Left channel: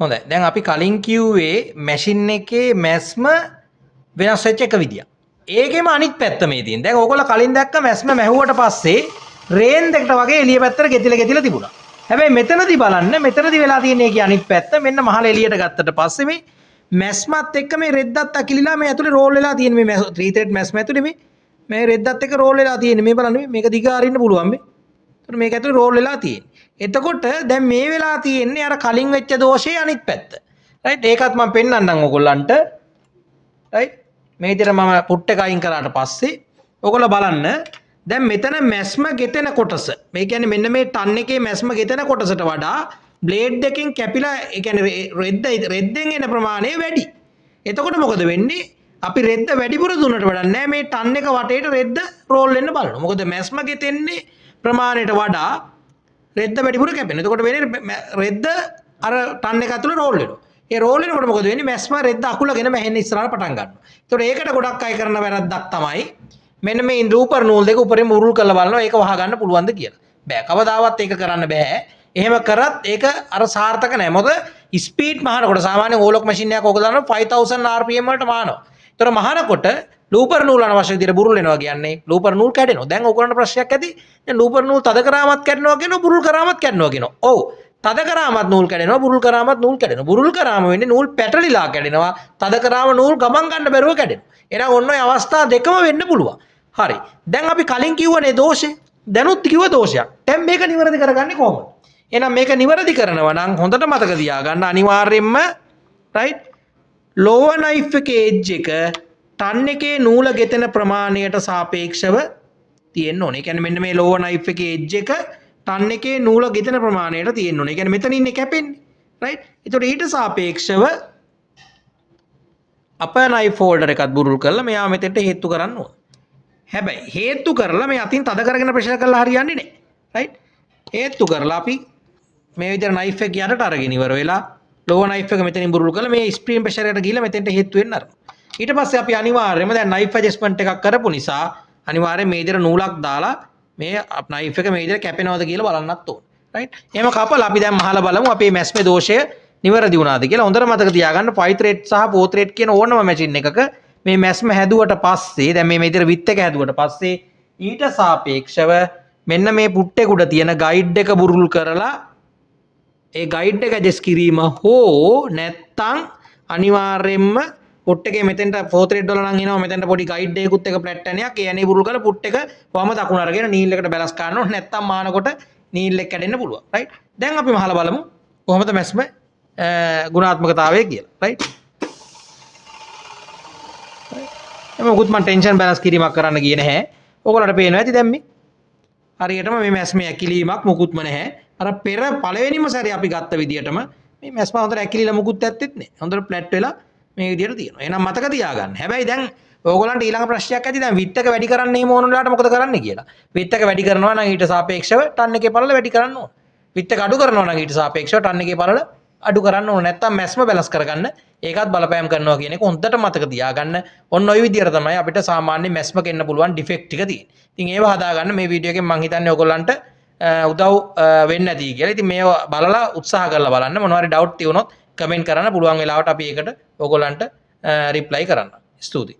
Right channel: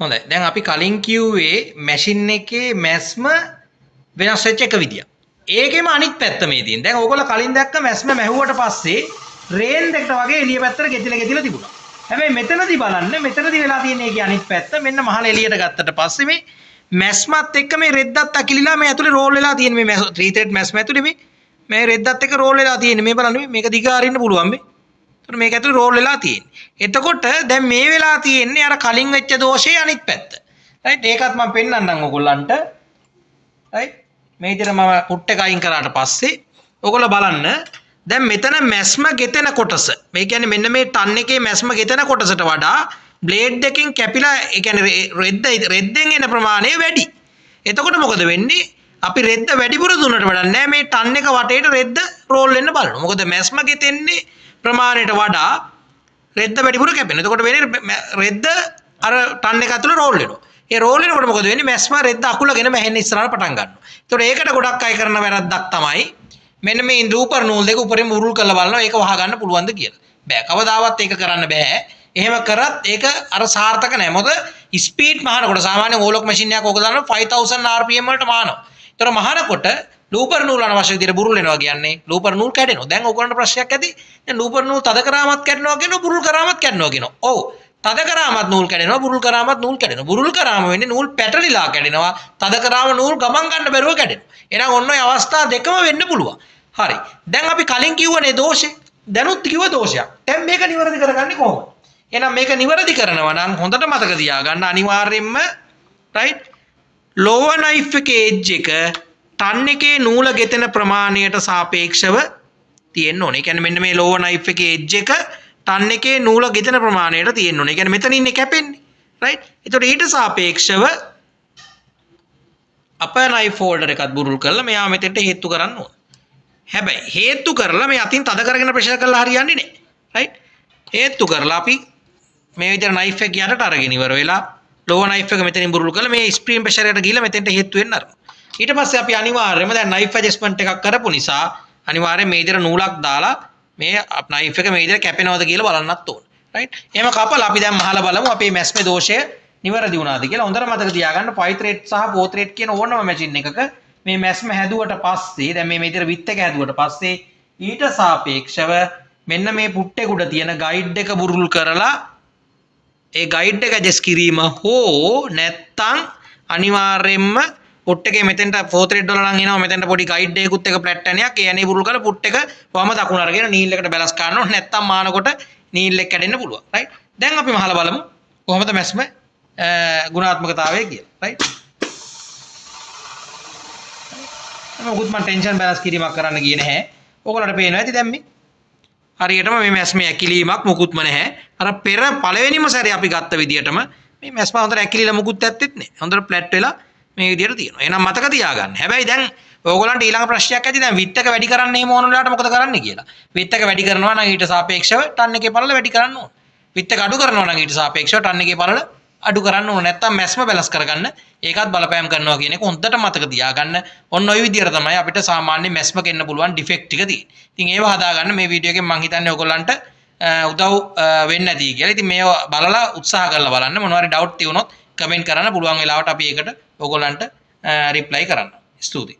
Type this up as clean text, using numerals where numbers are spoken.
හොඳයි. දැන් අපි කලින් කිව්වේ මැෂින් එකේ මැස්ම වෙනස් වෙච්ච එක විදියක්. ඒකෙම අනිත් පැත්ත මේ තියෙන. දැන් ඕගොල්ලෝ කලින් දැක්ක මැස්ම මැහුවට පස්සේ රේන් දෙකට වගේ එළිය පැත්තට ගෙතිලා තිබුණා. හැබැයි මෙතනදී බලන්න මෙතනදී වෙලා තියෙන එකේ අනිත් පැත්ත මෙන්න මහල එළියට ගත්තට පස්සේ මේ මැස්මත් එක්ක මේ රෙද්දත් අකිලිලා මේ ඇතුලේ රෝල් වෙලා තියෙන මේ 3 thread මැස්ම ඇතුලේ මේ රෙද්දත් එක්ක රෝල් වෙලා තියෙන මේ බලන්න මේක දිග අරින්න පුළුවන් මේ. එතකොට මේක ඇතුලේ රෝල් වෙලා තියෙන්නේ. එතකොට දැන් මේ වෙලා තියෙන්නේ අර කලින් වෙච්ච දෝෂයේ අනිත් පැත්ත. රයිට් ඒකත් මම පෙන්නන්නම් ඔයගොල්ලන්ට. රයිට් මේ විදිහට මම පුට් එක අයින් කරාට පස්සේ ඔයගොල්ලෝ බලන්න දැන් මෙතන මැස්ම ගෙතෙන කොටස මේ කියන්නේ මෙන්න මේ ටන් එකේ මැස්ම ගෙතෙන කොටසට වඩා බ්ලේඩ් එකෙන් කැපිලා ඒ කියන්නේ රෙද්දෙන් එන ප්‍රමාණය වැඩි. එතකොට මොකද වෙන්නේ? අපි රෙද්ද වැඩිපුර දුන්නට වඩා නෑ මේ ටන් එක වටේට රෙද්ද රෝල් වෙන්න බලනවා. මොකද මැස්ම ගෙතෙන්නේ ප්‍රමාණයට වඩා රෙද්ද වැඩිපුර කැපෙනවා. එතකොට වෙන්නේ රෙද්ද අර ටන් එක ඇතුළේ රෝල් වෙනවා. ඒ රෝල් වෙනකොට මොකද වෙන්නේ? මැස්ම රෙද්ද අකුලගෙන මැහෙන්න ඉස්සරහට පටන් ගන්නවා. එතකොට ඒකට ගොඩක් අය කරන වැරද්දක් තමයි මෙන්න මේ ලූපර් නූල් දෙක උඩරින් උරුල් කරලා බලනවා ඒක වහ ගන්න පුළුවන්ද කියලා. බෑ. කවදාවත් ඒක කරන්න බෑ. එහෙම කරත් ඒක අර සාර්ථක නෑ. මොකද ස්පීඩ් මහනකොට සාමාන්‍ය ඕලොක් මැෂින් එකක් ඕක දානවා 5000 rpm වලට මහනවා. ඒතර මහනකොට ලූපර් නූල් අනවශ්‍ය විදිහට බුරුල් වෙනවා කියන්නේ ලූපර් නූල් කැඩෙනවා. දැන් ඔයගොල්ලන්ට ප්‍රශ්නයක් ඇති. දැන් ලූපර් නූල් තද කරාමත් කැඩෙනවා කියනවා බුරුල් කරාමත් කැඩෙනවා කියනවා. ඔව්. තද කරාමත් නූල් කැඩෙනවා බුරුල් කරාමත් නූල් කැඩෙනවා. බුරුල් කරාම වෙන්නේ නූල් පැටලිලා කැඩෙනවා. තද කරාම නූල් ගමන් ගන්න බැරුව කැඩෙනවා. එහෙනම් ඔන්න ඔය අවස්ථා දෙකම වෙන්න පුළුවන්. හරි. දැන් අපි කලින් කිව්වනේ දෝෂේ. දැනුත් කිව්ව දෝෂයක්. දැන් මේක නිවැරදි කරගන්නේ කොහොමද? එහෙනම් මේක නිවැරදි කරනවා නම් හොඳට මතක තියාගන්න අනිවාර්යයෙන්ම රයිට් ලෝවර් නයිෆ් එකේ එජ් එක ටන් එකේ නූල ගෙතෙන ප්‍රමාණයට සාපේක්ෂව තියෙන්න ඕනේ. ඒ කියන්නේ මෙන්න මේ ලෝවර් නයිෆ් එකේ එජ් එක ටන් එකේ නූල ගෙතෙන ප්‍රමාණයට තියෙන්න ඕනේ. ඒ කියන්නේ මෙතන ඉන්නේ කැපෙන්නේ. රයිට්. ඒතකොට ඊට සාපේක්ෂව අපර් නයිෆ් හෝල්ඩර් එකත් බුරුල් කරලා මෙයා මෙතෙන්ට හේතු කරන්න ඕනේ. හැබැයි හේතු කරලා මේ අතින් තද කරගෙන ප්‍රෙෂර් කරලා හරියන්නේ නැහැ. රයිට්. හේතු කරලා අපි මේ විදිහට නයිෆ් එක යටට අරගෙන ඉවර වෙලා ලෝවර් නයිෆ් එක මෙතනින් බුරුල් කරලා මේ ස්ප්‍රීම් ප්‍රෙෂර් එකට ගිහිල්ලා මෙතෙන්ට හේතු වෙන්න අරනවා. ඊට පස්සේ අපි අනිවාර්යයෙන්ම දැන් නයිෆ් ඇඩ්ජස්ට්මන්ට් එකක් කරපු නිසා අනිවාර්යයෙන් මේ විදිහට නූලක් දාලා මේ නයිෆ් එක මේ විදිහට කැපෙනවද කියලා බලන්නත් ඕනේ. රයිට්. එහෙම කපලා අපි දැන් මහලා බලමු අපේ මැස්මේ දෝෂය නිවැරදි වුණාද කියලා. හොඳට මතක තියාගන්න 5 thread සහ 4 thread කියන ඕනම මැෂින් එකක මේ මැස්ම හැදුවට පස්සේ දැන් මේ විදිහට විත් එක හැදුවට පස්සේ ඊට සාපේක්ෂව මෙන්න මේ පුට්ටේ උඩ තියෙන ගයිඩ් එක බුරුල් කරලා ඒ ගයිඩ් එක ඇඩ්ජස්ට් කිරීම හෝ නැත්තම් අනිවාර්යයෙන්ම පුට් එකේ මෙතෙන්ට 4 thread වල නම් එනවා මෙතෙන්ට පොඩි ගයිඩ් එකකුත් එක ෆ්ලැට් ඇණයක් ඒ ඇණේ බුරුල් කරලා පුට් එක වම දකුණ අරගෙන නීල් එකට බැලන්ස් කරන්න ඕනේ නැත්තම් මානකොට නීල් එක කැඩෙන්න පුළුවන් රයිට් දැන් අපි මහලා බලමු කොහොමද මැස්ම ගුණාත්මකතාවය කියලා රයිට් මොකුත් මම ටෙන්ෂන් බැලන්ස් කිරීමක් කරන්න ගියේ නැහැ ඔයගොල්ලන්ට පේනවා ඇති දැන් මේ හරියටම මේ මැස්මේ ඇකිලීමක් මොකුත්ම නැහැ අර පෙර පළවෙනිම සැරේ අපි ගත්ත විදියටම මේ මැස්ම හොඳට ඇකිලිලා මොකුත් ඇත්තෙත් නැහැ හොඳට ෆ්ලැට් වෙලා මේ විදියට තියෙනවා එහෙනම් මතක තියාගන්න හැබැයි දැන් ඔයගොල්ලන්ට ඊළඟ ප්‍රශ්නයක් ඇති දැන් විත් එක වැඩි කරන්න එහෙම ඕන වෙලාවට මොකද කරන්නේ කියලා විත් එක වැඩි කරනවා නම් ඊට සාපේක්ෂව ටන් එකේ පළල වැඩි කරන්න ඕන විත් එක අඩු කරනවා නම් ඊට සාපේක්ෂව ටන් එකේ පළල අඩු කරන්න ඕන නැත්නම් මැස්ම බැලන්ස් කරගන්න ඒකත් බලපෑම් කරනවා කියන එක හොඳට මතක තියාගන්න ඔන්න ඔය විදියට තමයි අපිට සාමාන්‍ය මැස්ම ගෙන්න පුළුවන් ඩිෆෙක්ට් ටික තියෙන්නේ. ඉතින් ඒව හදාගන්න මේ වීඩියෝ එකෙන් මම හිතන්නේ ඔයගොල්ලන්ට උදව් වෙන්න ඇති කියලා. ඉතින් මේව බලලා උත්සාහ කරලා බලන්න මොනවා හරි ඩවුට් තියෙනොත් කමෙන්ට් කරන්න පුළුවන් වෙලාවට අපි ඒකට ඔයගොල්ලන්ට රිප්ලයි කරන්න. ස්තුතියි.